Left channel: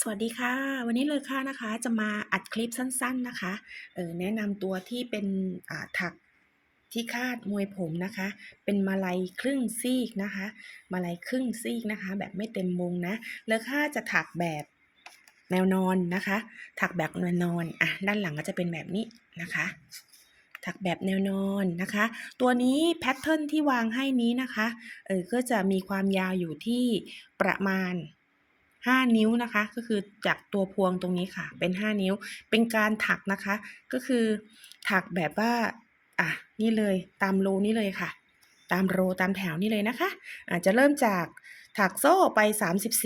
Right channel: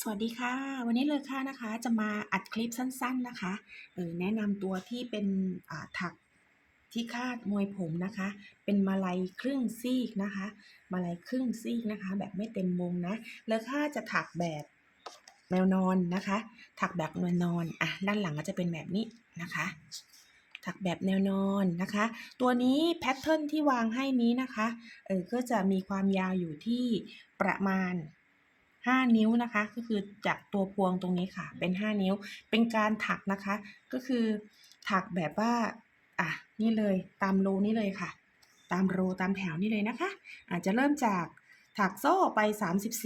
สวัสดีค่ะ วันนี้เลยค่ะนะคะ จะมาอัดคลิปสั้น ๆนะคะเอ่อแนะนำตัวที่เป็นอ่าถักที่คาดมวยผมนะคะ เป็นมาลัยครึ่งซีกนะคะ มาลัยครึ่งซีกนะคะ แบบไม่เต็มวงนะเลอค่าจะถักแบบแนวนอนนะคะ ถักแบบแนวนอนอะด้านหลังก็จะเป็นแบบนี้นะคะถักแบบแนวนอนนะคะ ตัวนี้แพทเทิร์นที่วางให้นี้นะคะเอ่อก็จะมีความยาวอยู่ที่ประมาณ 5 นิ้วนะคะ ก็คือจากตัวพวงตรงนี้ค่ะ เป็น 5 นิ้ว เป็นการถักนะคะ ก็คือถักแบบว่าอะนี่เลยตามโรนี่เลยค่ะ ตามโรตามแถวนี่เลยนะคะอ่าจะเริ่มจากถักโซ่ไป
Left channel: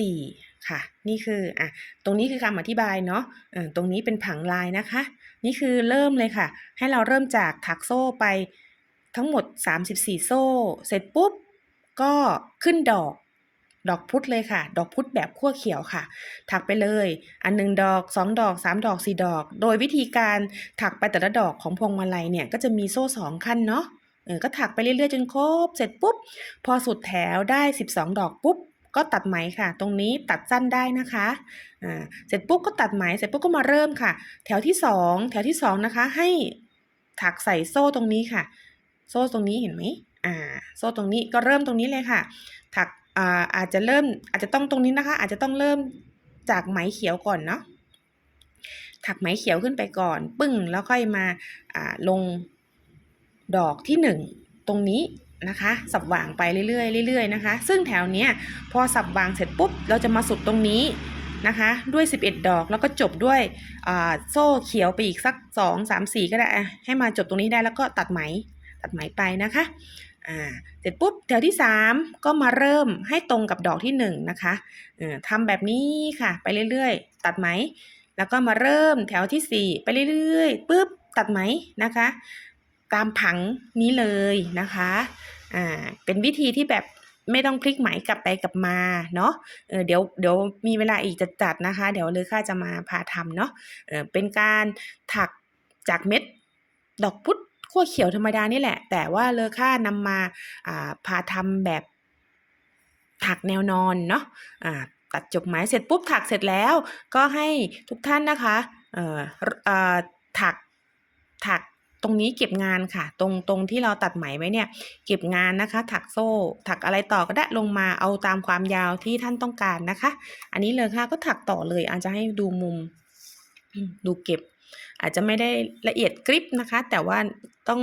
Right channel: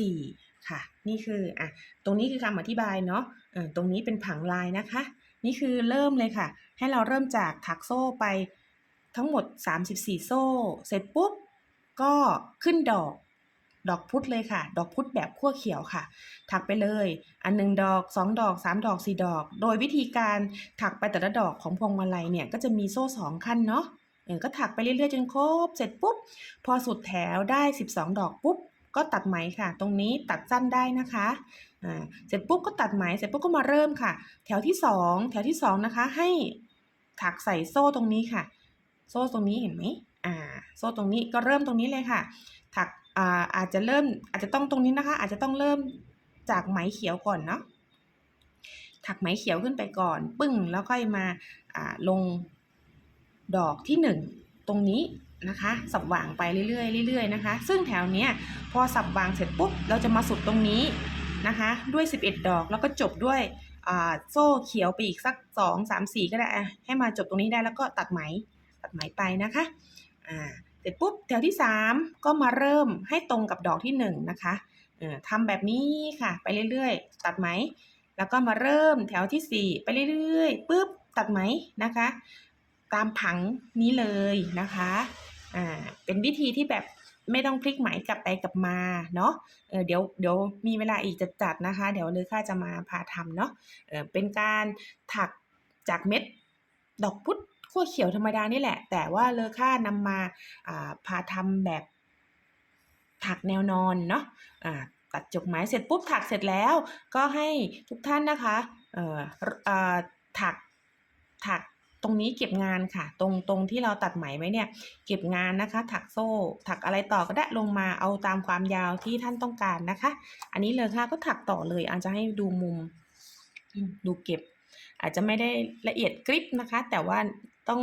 34 ค่ะ นี่คืออะตรงนี้คือคำอธิบายเนาะเออตรงนี้เป็นผังลายนะคะ นี่คือเริ่มเลยค่ะ ให้เราเริ่มจากถักโซ่ไปทั้งหมด 34 โซ่ เสร็จปุ๊บ ก็ขึ้นดอก ดอกพุธเลยค่ะ ดอกพุธแบบขั้วเขียวค่ะ ถักไปเลย อัน1ดอก 2 ดอก 3 ดอก 4 ดอก โดยวิธีการถักไปแต่ละดอกของพวงมาลัยเนี่ยก็จะมีโซ่2ขั้นเนาะเออก็ถักไปเรื่อยๆจนครบเสร็จปุ๊บ พอสุดแถวได้ 12 ดอกปุ๊บก็ตัดไหมค่ะ ตรงนี้ตัดสั้นได้นะคะ อ่า เสร็จปุ๊บก็ตัดไหม เสร็จปุ๊บก็มาเริ่มค่ะ แถวที่ 2 แถวที่ 2 นะคะ ให้ถักใส่โซ่ตรงนี้ค่ะ โซ่ตรงนี้เห็นไหมอ่า โซ่ตรงนี้ก็เริ่มตรงนี้เลยค่ะ ถัก อาอาจจะเริ่มอาจจะต้องตรงนี้นะคะ อาจจะต้องเริ่มจากไหมเขียวก่อนเนาะถักไหมเขียวขึ้นไปก่อน ปึ้งแล้วค่อยมาาลงดอกที่ 1 ตรงนี้นะคะ สับหว่างไปเรื่อยๆเรื่อยๆนะคะ ซึ่งแถวเนี้ยพอสับหว่างเสร็จปุ๊บเราจะมาสุดตรงนี้นะคะ ด้วย 11 ดอกแล้วก็จบด้วยโซ่เขียวไปอีกสัก 2 3 4 ก็ได้ให้มาจบตรงนี้ได้แล้วก็ตัดไหมตัดไหมไปนะคะ อ่าเสร็จปุ๊บแถวที่ 3 ก็มาเริ่มให้ตรงกับดอกที่ 1 นะคะทำแบบนี้ค่ะ ไปเรื่อยๆ ตัดไหม แล้วก็มาเริ่มแถวที่ 4 ไปเรื่อยๆปุ๊บตัดไหมนะคะ ตามผังนี้เลยนะคะอ่าเป็นวิธีที่แบบไม่ต้องพลิกไหมกลับไปกลับมาเนาะเเดี๋ยวเดี๋ยวมีเวลาอีกจะจัดนะคะ เดี๋ยวเลอค่าจะมาพาทำเนาะเเป็นการถักจากเม็ดดอกพุธ ขั้วเขียวธรรมดานี่แหละ แต่ว่าเลอค่านำมาอ่าพาทำแบบถักแนวนอนเนาะอ่าตัดจบไหมเสร็จปุ๊บถักเสร็จแล้ว ก็ให้ทุกท่านนะคะเอ่อรอ่าถักถักตรงนี้เก็บงานค่ะ ตรงตรงที่เราตัดไหมไว้เนี่ย เก็บงานนะคะ ถักโซ่ ถักอะไรต่อก็ได้ลงมาเอาตามความยาวที่ท่านต้องการนะคะ อันนี้เลอค่าก็ถักต่อเลยอาจจะให้ดูมุม ดูเก็บ อาจจะไม่ได้ละเอียดกริบนะคะ แต่ว่าต้อง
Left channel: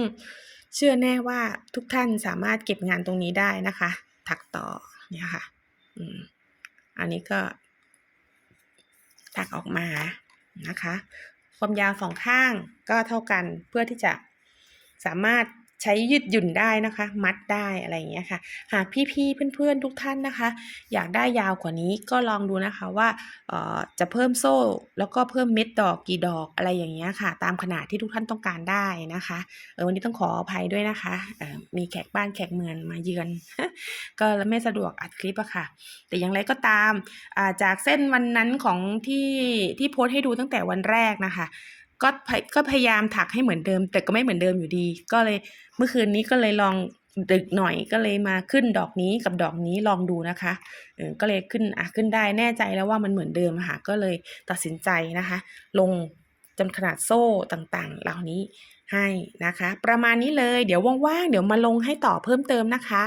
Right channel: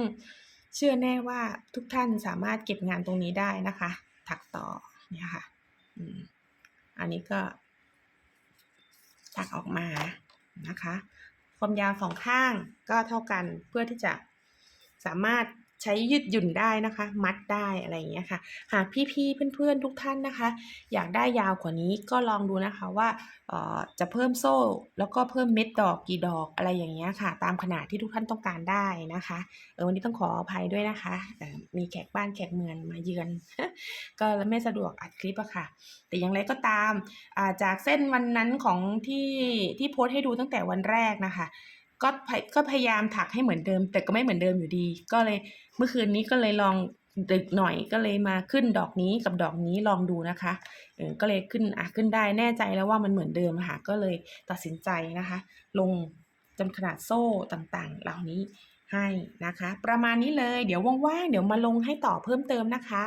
เชื่อแน่ว่าทุกท่านสามารถเก็บงานตรงนี้ได้นะคะ ถักต่อเนี่ยค่ะอันนี้ก็ถักออกมานะคะ ความยาวสองข้างก็เท่ากันเพื่อที่จะสามารถ ใช้ยืดหยุ่นได้นะคะ มัดได้อะไรอย่างเงี้ยค่ะ หากพี่ๆเพื่อนๆทุกท่านนะคะ อยากได้ยาวกว่านี้ก็ลองดูนะคะว่าจะเพิ่มโซ่ แล้วก็เพิ่มเม็ดดอกกี่ดอกอะไรอย่างเงี้ยค่ะ ตามขนาดที่ทุกท่านต้องการได้นะคะเออวันนี้ต้องขออภัยด้วยนะคะเออมีแขกบ้านแขกเมืองมาเยือน ก็ไม่สะดวกอัดคลิปอะค่ะ แต่อย่างไรก็ตามจากเส้นวันนั้นของที่ที่โพสต์ให้ดูตั้งแต่วันแรกนะคะ ก็พยก็พยายามถักให้เหมือนเดิม แต่ก็ไม่เหมือนเดิมอยู่ดี ก็เลยเมื่อคืนนี้ก็เลยลองดึกหน่อยก็เลยมาขึ้นดอกนี้กับดอกนี้ลองดูนะคะเออก็เลยขึ้นอะขึ้นได้แน่ใจแล้วว่ามันเหมือนเดิมค่ะก็เลยตัดสินใจนะคะ ลงจนขนาดโซ่ต่างๆ เหล่านี้ให้นะคะ ประมาณนี้เลยเดี๋ยวว่างๆเดี๋ยวมาลงให้ต่อเพิ่มเติมนะคะ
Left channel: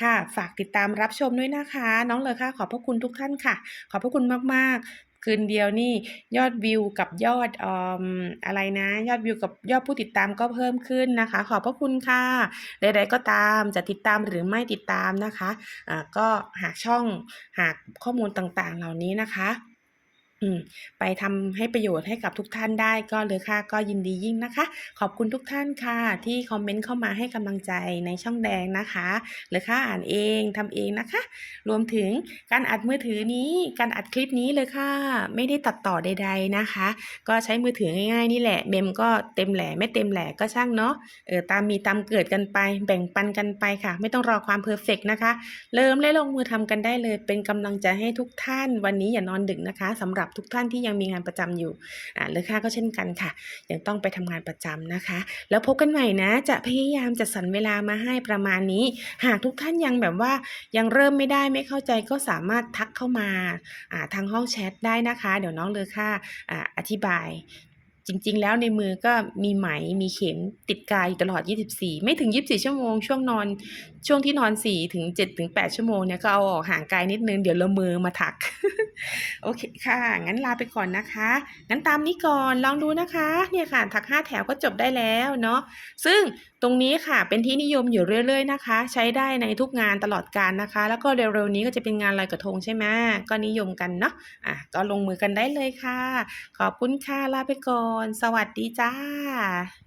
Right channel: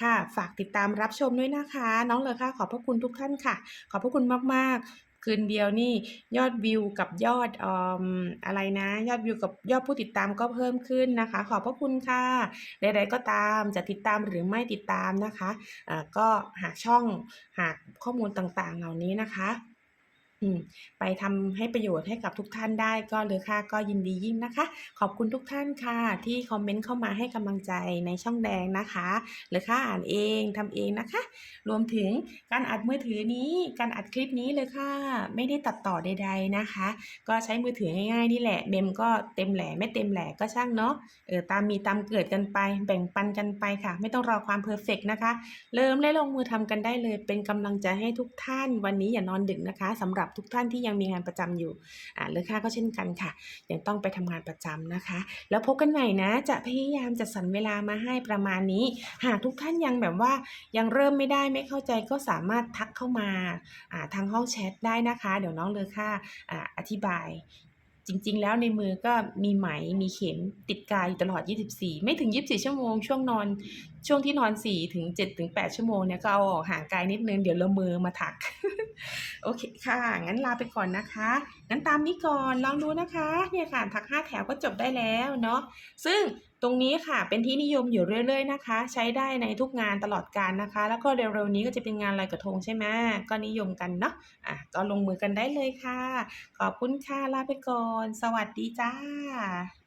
ค่ะ ฝากติดตามรับชมด้วยนะคะ น้องเลอค่าขอบพระคุณทุกท่านค่ะ ขอบพระคุณมากๆ คืนเดียวนี่ยอดวิวกับยอดอออะไรนะ ยอดวิวกับยอดผู้ติดตามก็เพิ่มขึ้นนะคะ ขอบพระคุณค่ะใดๆก็ตามจะติดตามหรือไม่ติดตามนะคะอ่าก็หาช่องหาข้อมูลต่างๆเหล่านี้นะคะ ไปทำให้ประโยชน์ให้กับทุกท่านได้ก็เลอค่าก็ยินดียิ่งนะคะ ขอบคุณทุกท่านค่ะ ที่คอมเมนต์เข้ามาให้กำลังใจในช่องแดงนะคะเลอค่าอ่านเองทำเองนะคะ รวมถึงการอัดมือถือนี้การอัดคลิปนี้เลอค่าไม่ได้ตัดต่อใด ๆนะคะ ก็ใช้มือถือง่ายๆนี่แหละเมมก็เต็มแหล่ไม่เต็มแหล่ก็ช่างเนาะเออตามมีตามเกิดกันไป แบ่งปันกันไปค่ะ ไม่ต้องรอความเพอร์เฟกต์นะคะ เริ่มและลงมือทำกันได้เลย เป็นกำลังใจให้ทุกท่านวันนี้อย่านอนดึกนะคะสำหรับทุกท่านที่ยังมีงานประจำอยู่อ่าเลอค่าก็เช่นกันค่ะ ยังต้องไปทำงานประจำนะคะ แล้วพบกันใหม่นะ จะพยายามจัดสรรเวลามาให้ประมาณนี้ หากทุกท่านยังแบบว่ายังเริ่มไม่ได้ไม่เข้าใจก็สามารถทักเข้ามาอ่าทางห้องแชทได้นะคะ เดี๋ยวน้องเลอค่าอ่าอธิบาย จริง ๆ แล้วในมือก็มีไหมมีเข็มติดกายอยู่ตลอด 24 ไม่ถึง 24 ชั่วโมง ช่วงนอน ช่วงที่นอน 4 ถึง7ถึง8ชั่วโมงเนี่ยก็เอาออกห่างกายนิดนึง เดี๋ยวละมือมาถัก โอเคค่ะ งั้นลาไปก่อนนะคะ งั้นตามนี้ก่อนลองดูนะคะ เนี่ยค่ะ ถัก 5 แถวก็จบได้แล้วเนาะซึ่ง ตรงนี้ค่ะเป็นที่นิยมอยู่เรื่อย ๆ นะคะ ใช้ได้ในทุกงานตลอดการนะคะ แล้วก็เร็วๆนี้ก็จะเป็นงานลอยกระทงใช่ไหมก็นิยมกันเนาะอะก็ลงมือกันได้เลยค่ะ ขอบคุณค่ะลาไปก่อน สวัสดีจ้า